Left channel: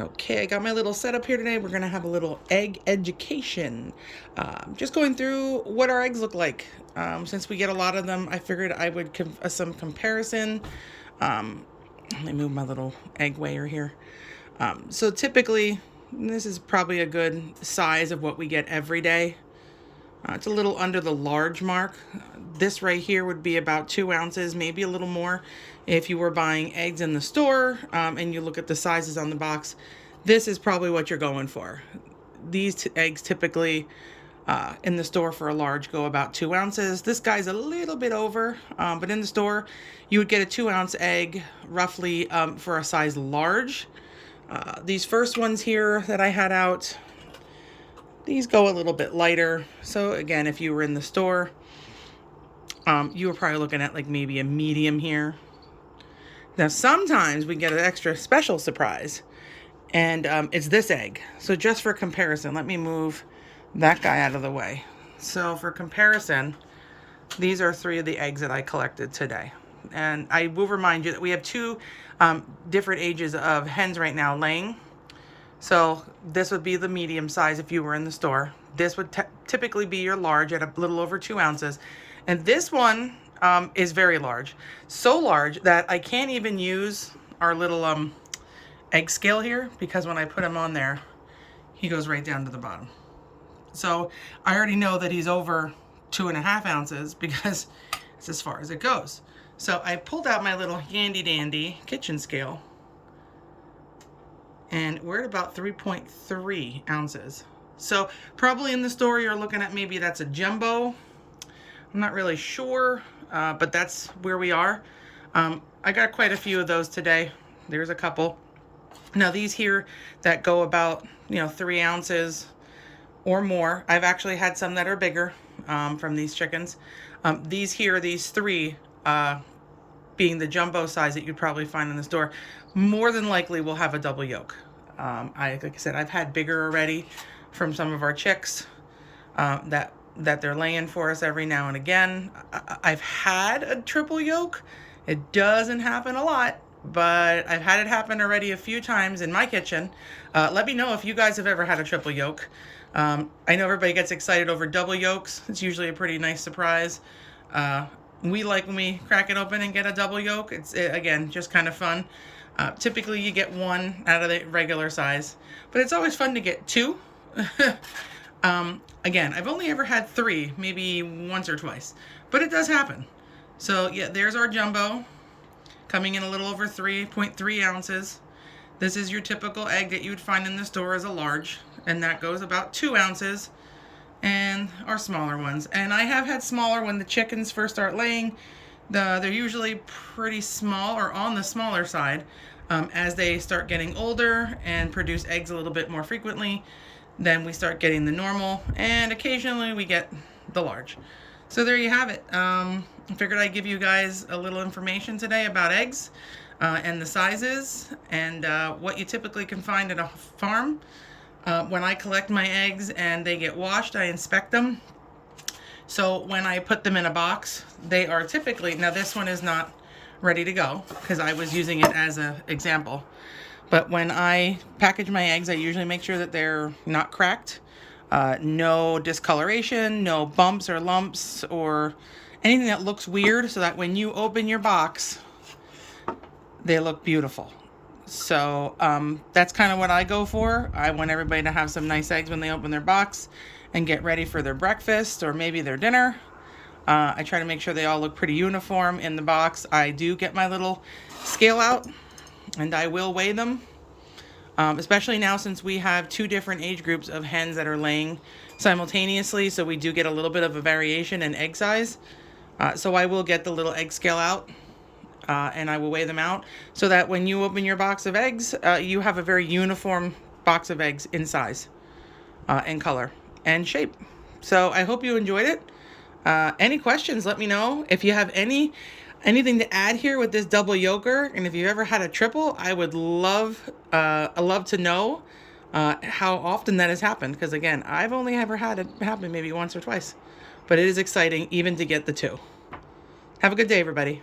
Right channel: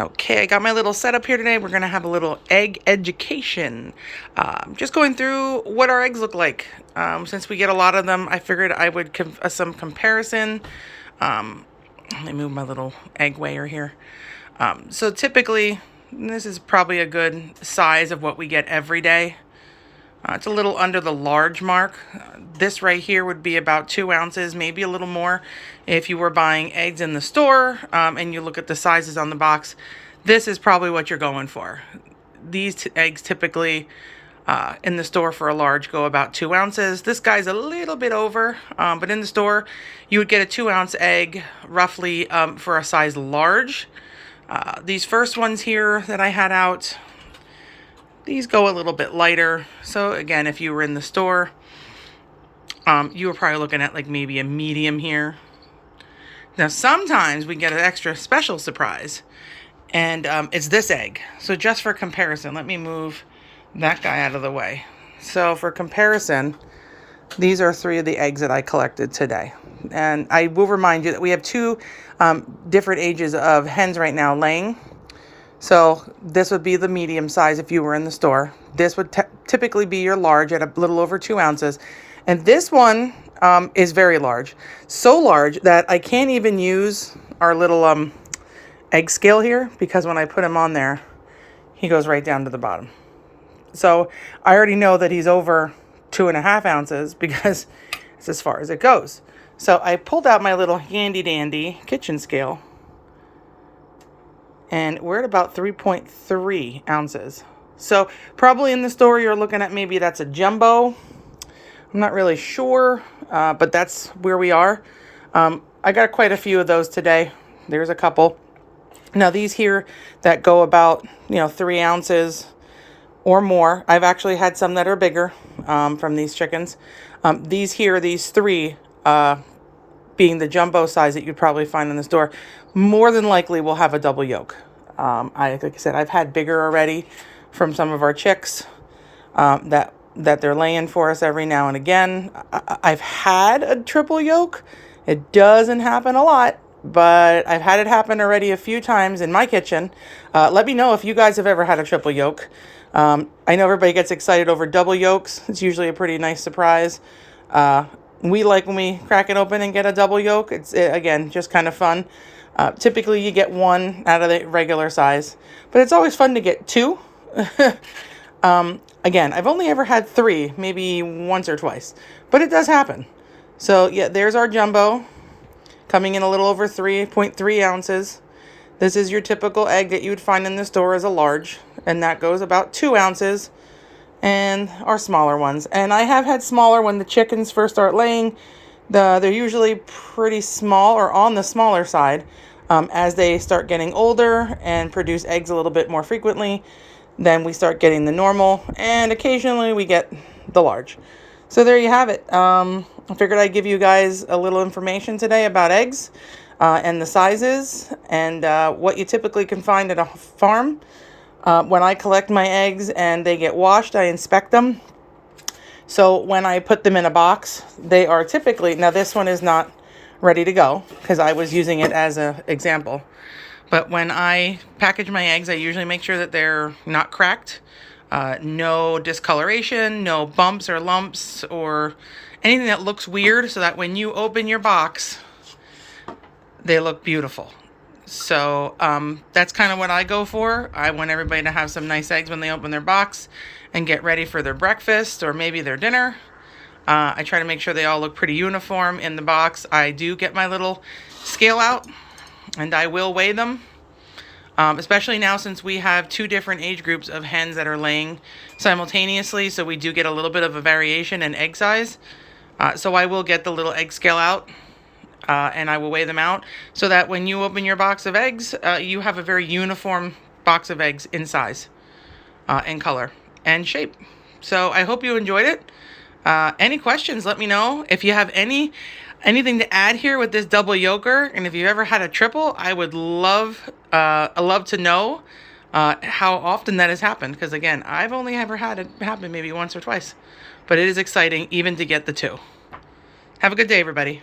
Okay, I got my little setup here today. We're going to have a little egg education. Just going through what our eggs look like. Since we get a lot of them, I figured I would give some comparison. Let me move my little egg weigher here. So typically, this is probably a good size of what we get every day. It's a little under the large mark. This right here would be about 2 ounces, maybe a little more. If you were buying eggs in the store and you look at the sizes on the box, this is probably what you're going for. These eggs typically in the store for a large go about 2 ounces. This guy's a little bit over, but in the store you would get a 2-ounce egg roughly for a size large. These first ones here that I had out, these go a little bit lighter. So again, if you were in the store, you were probably looking at like maybe a medium here. Now sometimes we get an extra special surprise, and it's this egg. So just for comparison, let me move that guy out of the way. So for comparison, these are 3 of the eggs that I collected today. And I will remind you that we have 2 different ages of hens right now laying. So this would be the medium size if you were in the store. This would typically be your large at a little over 2 ounces. And this one is very large. So large that I can't even use our little egg scale here, because when I put him on there, he goes right down to the bottom. So I already know that he's over 2.5 ounces because it's as far as it goes. So I pulled out my little handy dandy kitchen scale, and we're at about 3.3 ounces. So probably in the store you're looking at maybe that's a jumbo. I'm not really sure, but that's where we are. I got quite a few of those today. There's a couple. Now these here that go about 3 ounces or more. I've actually had some that are bigger from these chickens. These 3 being the jumbo size that you'd probably find in the store, more than likely will have a double yolk. Like I said, I've had bigger already from some of our chicks that they're laying for us every now and again. I've had a triple yolk. It doesn't happen a lot, but I've had it happen already a few times in my kitchen. Let me know if you guys have ever had a triple yolk. I know everybody gets excited over double yolks. It's usually a pretty nice surprise. We like when we crack it open and get a double yolk. It's, again, just kind of fun. Typically you get 1 out of the regular size, but it's always fun to get 2. Again, I've only ever had 3, maybe once or twice, but it does happen. So yeah, there's our jumbo coming in a little over 3.3 ounces. This is your typical egg that you would find in the store as a large, and that goes about 2 ounces. And our smaller ones. And I have had smaller when the chickens first start laying. They're usually pretty small or on the smaller side. As they start getting older and produce eggs a little bit more frequently, then we start getting the normal, and occasionally we get the large. So there you have it. I figured I'd give you guys a little information today about eggs and the sizes and what you typically can find at a farm. When I collect my eggs and they get washed, I inspect them. So when I put them in a box, they are typically, now this one is not ready to go because I was using it as an example. But when I package my eggs, I usually make sure that they're not cracked, no discoloration, no bumps or lumps or anything that looks weird, so that when you open your box, they look beautiful. So that's kind of what I go for. I want everybody to have some nice eggs when they open their box and get ready for their breakfast or maybe their dinner. I try to make sure they all look pretty uniform in the box. I do get my little scale out and I will weigh them. Especially now since we have 2 different age groups of hens that are laying simultaneously. So we do get a little bit of a variation in egg size. So I will get the little egg scale out. And I will weigh them out so that when you open your box of eggs, you have a very uniform box of eggs in size and color and shape. So I hope you enjoyed it. Any questions, let me know. If you have anything to add here with this double yolker, and if you've ever had a triple, I would love to know how often that has happened. Because again, I've only ever had it happen maybe once or twice, but it is exciting even to get the 2. Have a good day, everybody.